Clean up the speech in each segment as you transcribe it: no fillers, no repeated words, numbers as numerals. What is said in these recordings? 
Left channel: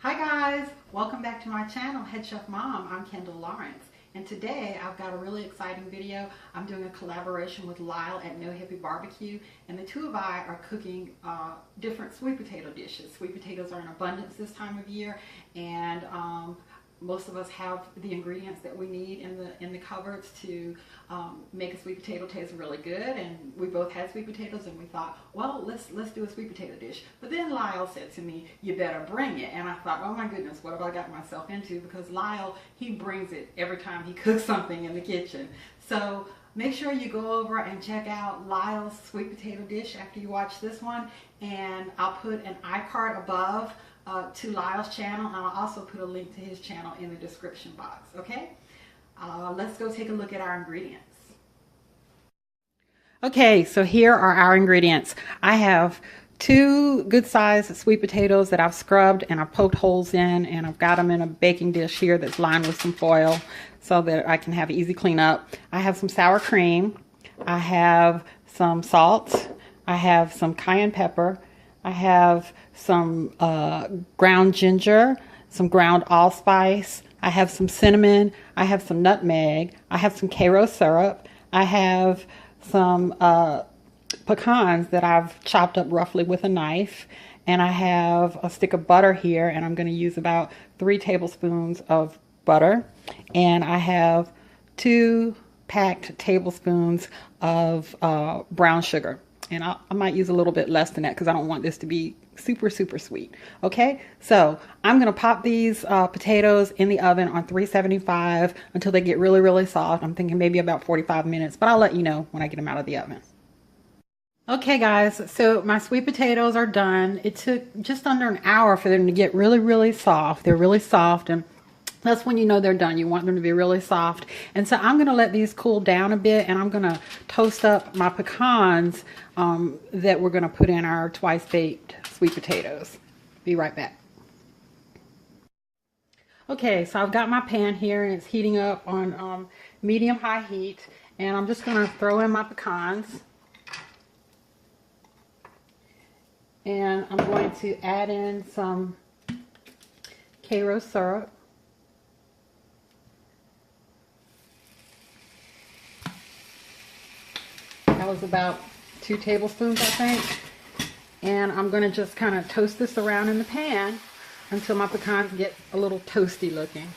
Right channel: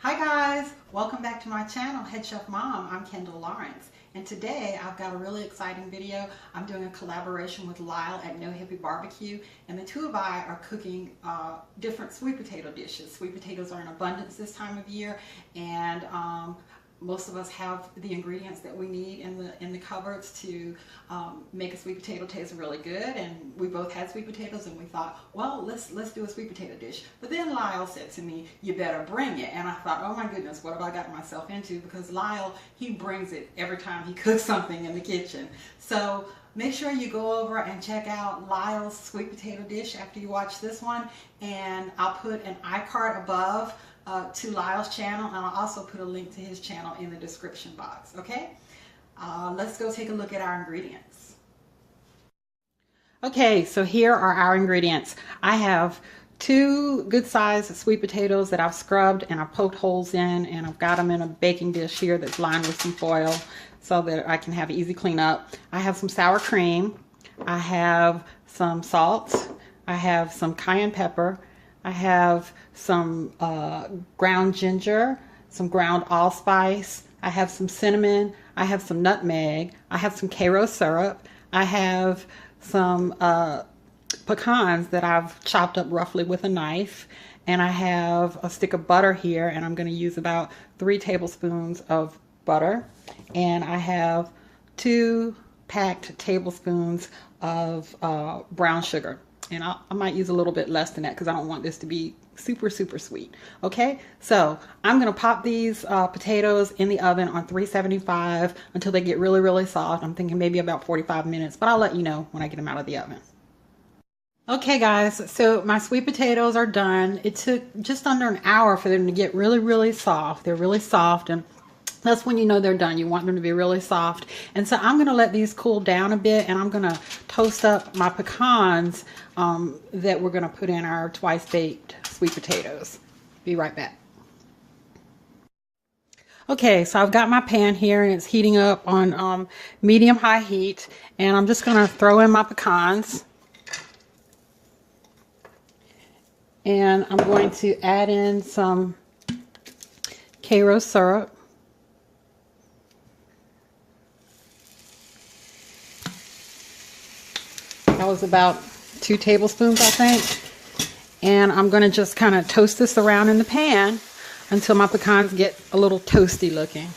Hi guys, welcome back to my channel, Head Chef Mom. I'm Kendall Lawrence, and today I've got a really exciting video. I'm doing a collaboration with Lyle at No Hippie Barbecue, and the two of I are cooking different sweet potato dishes. Sweet potatoes are in abundance this time of year, and most of us have the ingredients that we need in the cupboards to make a sweet potato taste really good. And we both had sweet potatoes, and we thought, well, let's do a sweet potato dish. But then Lyle said to me, "You better bring it." And I thought, oh my goodness, what have I gotten myself into? Because Lyle, he brings it every time he cooks something in the kitchen. So make sure you go over and check out Lyle's sweet potato dish after you watch this one, and I'll put an iCard above to Lyle's channel, and I'll also put a link to his channel in the description box. Okay, let's go take a look at our ingredients. Okay, so here are our ingredients. I have two good-sized sweet potatoes that I've scrubbed and I've poked holes in, and I've got them in a baking dish here that's lined with some foil so that I can have easy cleanup. I have some sour cream. I have some salt. I have some cayenne pepper. I have some ground ginger, some ground allspice. I have some cinnamon. I have some nutmeg. I have some Karo syrup. I have some pecans that I've chopped up roughly with a knife. And I have a stick of butter here, and I'm going to use about 3 tablespoons of butter. And I have 2 packed tablespoons of brown sugar. And I might use a little bit less than that because I don't want this to be super sweet. Okay, so I'm gonna pop these potatoes in the oven on 375 until they get really soft. I'm thinking maybe about 45 minutes, but I'll let you know when I get them out of the oven. Okay guys, so my sweet potatoes are done. It took just under an hour for them to get really soft. They're really soft, and that's when you know they're done. You want them to be really soft. And so I'm going to let these cool down a bit, and I'm going to toast up my pecans that we're going to put in our twice baked sweet potatoes. Be right back. Okay, so I've got my pan here, and it's heating up on medium-high heat, and I'm just going to throw in my pecans. And I'm going to add in some Karo syrup. That was about 2 tablespoons, I think. And I'm going to just kind of toast this around in the pan until my pecans get a little toasty looking.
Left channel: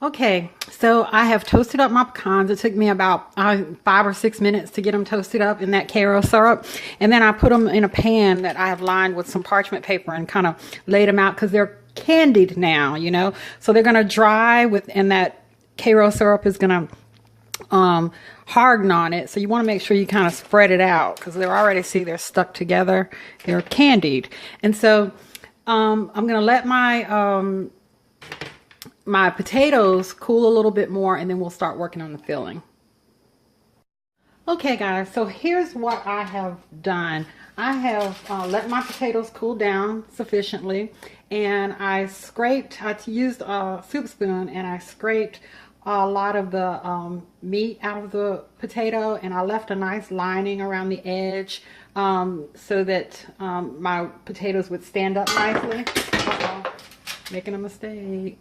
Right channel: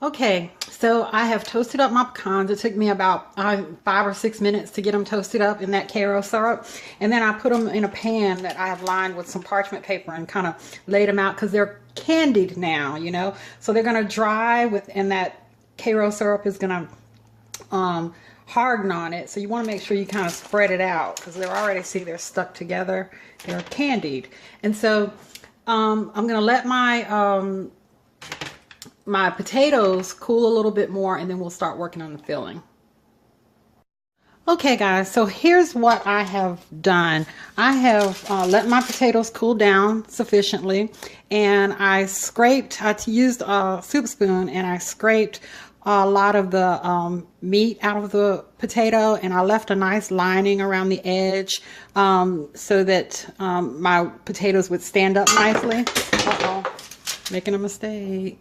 Okay, so I have toasted up my pecans. It took me about 5 or 6 minutes to get them toasted up in that Karo syrup. And then I put them in a pan that I have lined with some parchment paper and kind of laid them out because they're candied now, you know. So they're going to dry and that Karo syrup is going to harden on it. So you want to make sure you kind of spread it out because they're already, see, they're stuck together. They're candied. And so I'm going to let my my potatoes cool a little bit more, and then we'll start working on the filling. Okay guys, so here's what I have done. I have let my potatoes cool down sufficiently, and I used a soup spoon, and I scraped a lot of the meat out of the potato, and I left a nice lining around the edge so that my potatoes would stand up nicely. Uh-oh, making a mistake.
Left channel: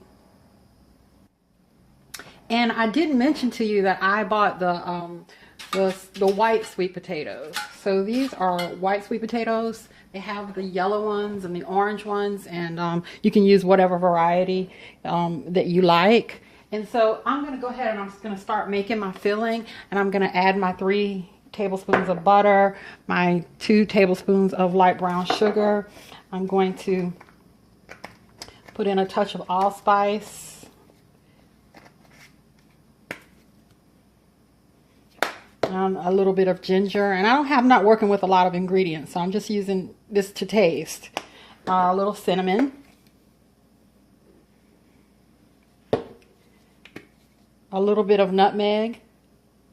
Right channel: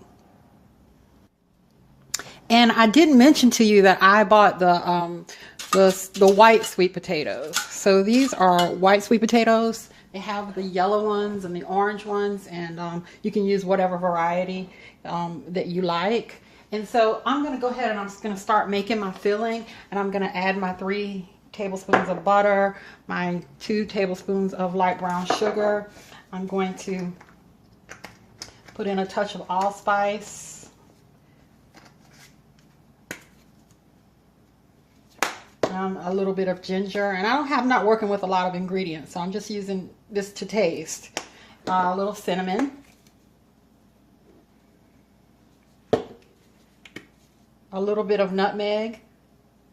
And I didn't mention to you that I bought the white sweet potatoes. So these are white sweet potatoes. They have the yellow ones and the orange ones, and you can use whatever variety that you like. And so I'm going to go ahead and I'm just going to start making my filling, and I'm going to add my 3 tablespoons of butter, my 2 tablespoons of light brown sugar. I'm going to put in a touch of allspice. A little bit of ginger, and I'm not working with a lot of ingredients, so I'm just using this to taste. A little cinnamon, a little bit of nutmeg,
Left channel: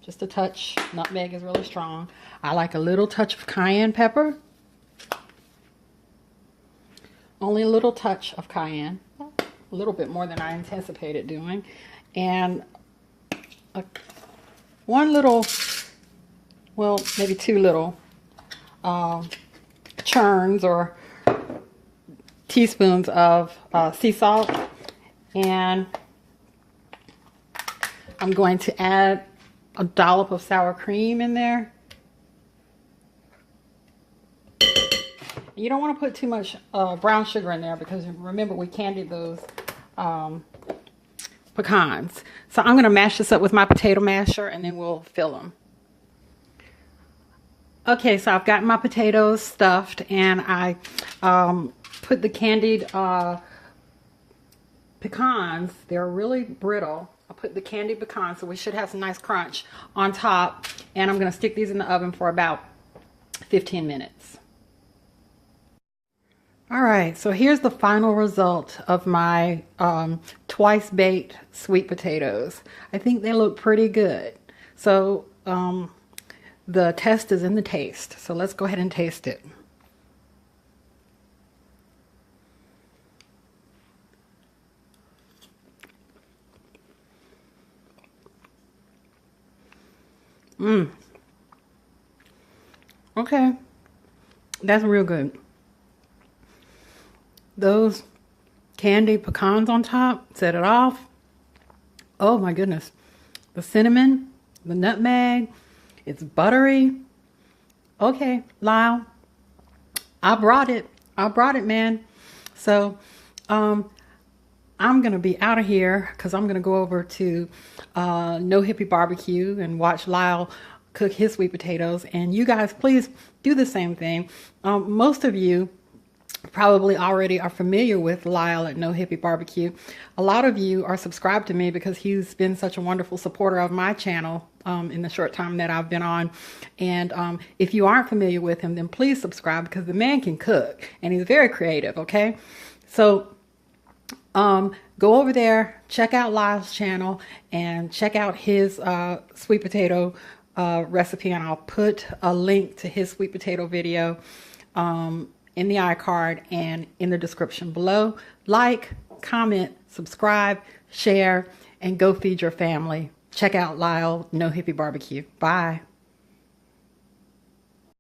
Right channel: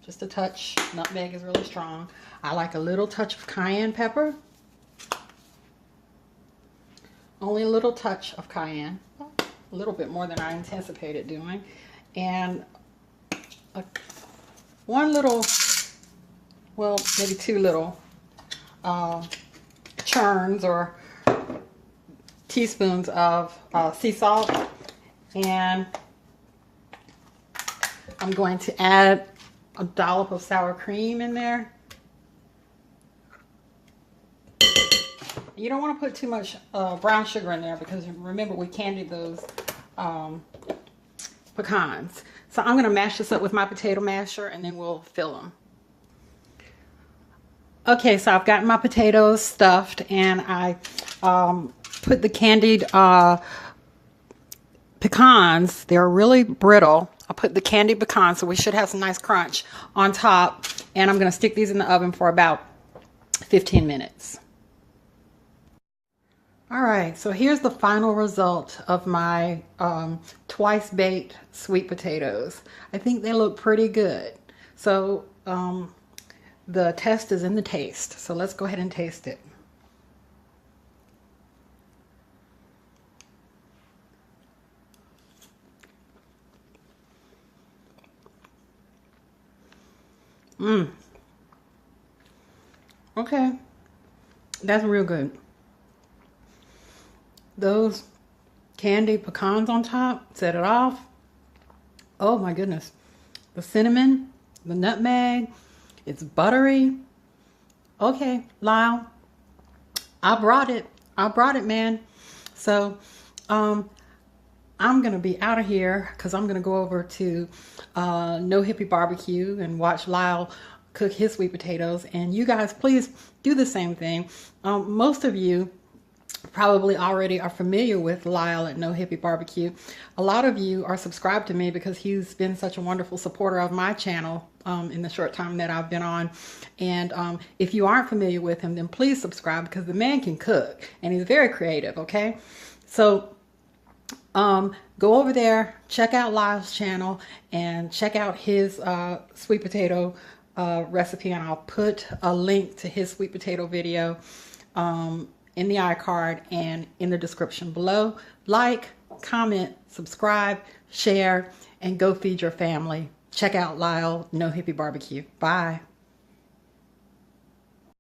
just a touch. Nutmeg is really strong. I like a little touch of cayenne pepper, only a little touch of cayenne, a little bit more than I anticipated doing, and one little, well, maybe 2 little churns or teaspoons of sea salt, and I'm going to add a dollop of sour cream in there. You don't want to put too much brown sugar in there because remember we candied those pecans. So I'm going to mash this up with my potato masher and then we'll fill them. Okay, so I've got my potatoes stuffed and I put the candied pecans. They're really brittle. I put the candied pecans, so we should have some nice crunch on top. And I'm going to stick these in the oven for about 15 minutes. All right, so here's the final result of my twice baked sweet potatoes. I think they look pretty good. So the test is in the taste. So let's go ahead and taste it. Okay, that's real good. Those candied pecans on top set it off. Oh my goodness. The cinnamon, the nutmeg, it's buttery. Okay, Lyle, I brought it, man. So I'm gonna be out of here because I'm gonna go over to No Hippie Barbecue and watch Lyle cook his sweet potatoes. And you guys, please do the same thing. Most of you probably already are familiar with Lyle at No Hippie Barbecue. A lot of you are subscribed to me because he's been such a wonderful supporter of my channel in the short time that I've been on. And if you aren't familiar with him, then please subscribe because the man can cook and he's very creative, okay? So go over there, check out Lyle's channel and check out his sweet potato recipe, and I'll put a link to his sweet potato video in the iCard and in the description below. Like, comment, subscribe, share, and go feed your family. Check out Lyle No Hippie Barbecue. Bye.